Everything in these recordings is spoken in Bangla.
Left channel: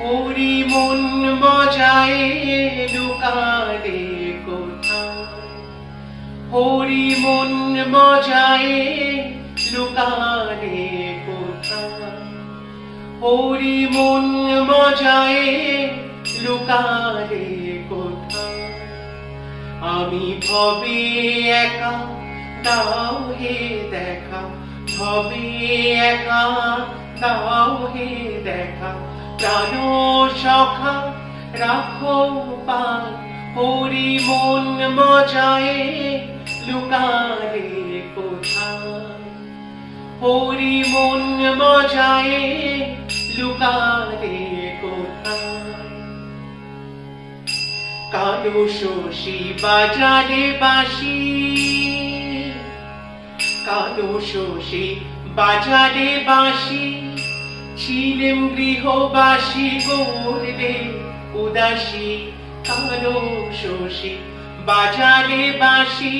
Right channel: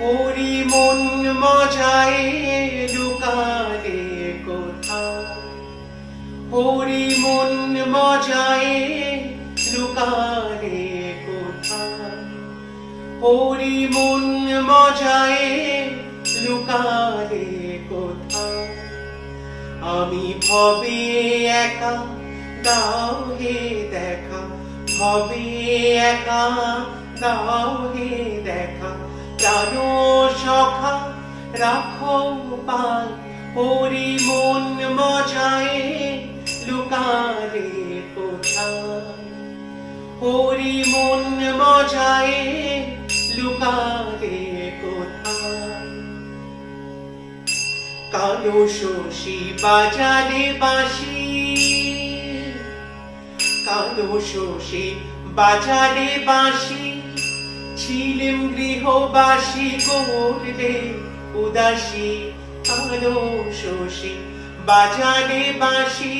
হরি মন মজায় লুকালে কোথায়, হরি মন মজায় লুকালে কোথায়, হরি মন মজায় লুকালে কোথায়। আমি ভবে একা দাও হে দেখা, ভবে একা দাও হে দেখা, প্রাণ সখা রাখো পাই, হরি মন মজায় লুকালে কোথায়, হরি মন মজায় লুকালে কোথায়। কালো শশী বাজারে বাঁশি, কালো শশী বাজারে বাঁশি, ছিলেম গৃহবাসী করলে উদাসী। কালো শশী বাজারে বাঁশি,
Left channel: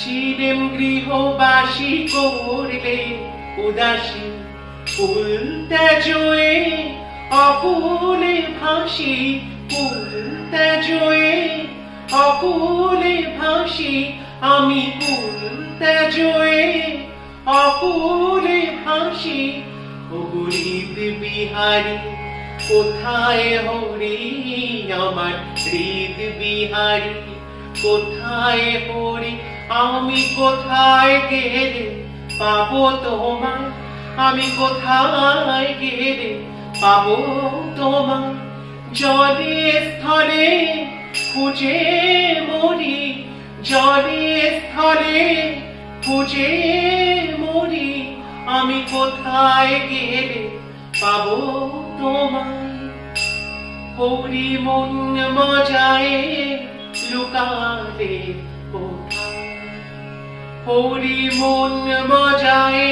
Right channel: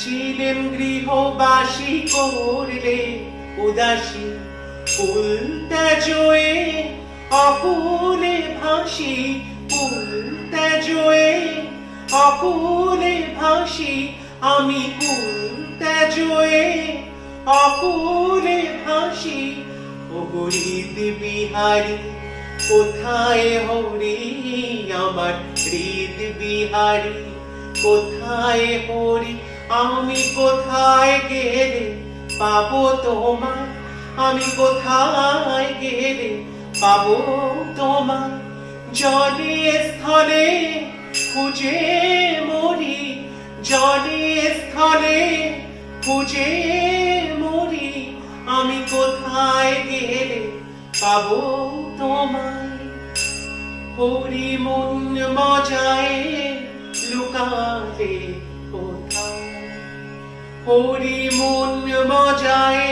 ছিলেম গৃহবাসী করলে উদাসী। ফুল তেজোয়ে অকুলে ভাসি, ফুল তেজোয়ে অকুলে ভাসি, আমি ফুল তেজোয়ে অকুলে ভাসি। ও হৃদ বিহারী কোথায় হরি আমার, হৃদ বিহারী কোথায় হরি, আমি কোথায় গেলে পাবো তোমায়, আমি কোথায় গেলে পাবো তোমায়। জলে স্থলে খুঁজে মরি, জলে স্থলে খুঁজে মরি, আমি কোথায় গেলে পাবো তোমায়। হরি মন মজায় লুকালে কোথায়, হরি মন মজায়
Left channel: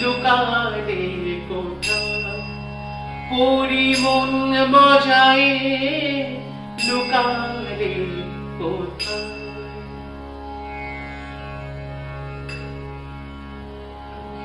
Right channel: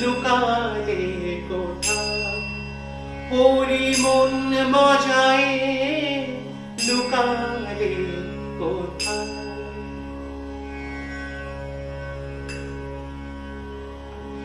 লুকালে কোথায়, হরি মন মজায় লুকালে কোথায়।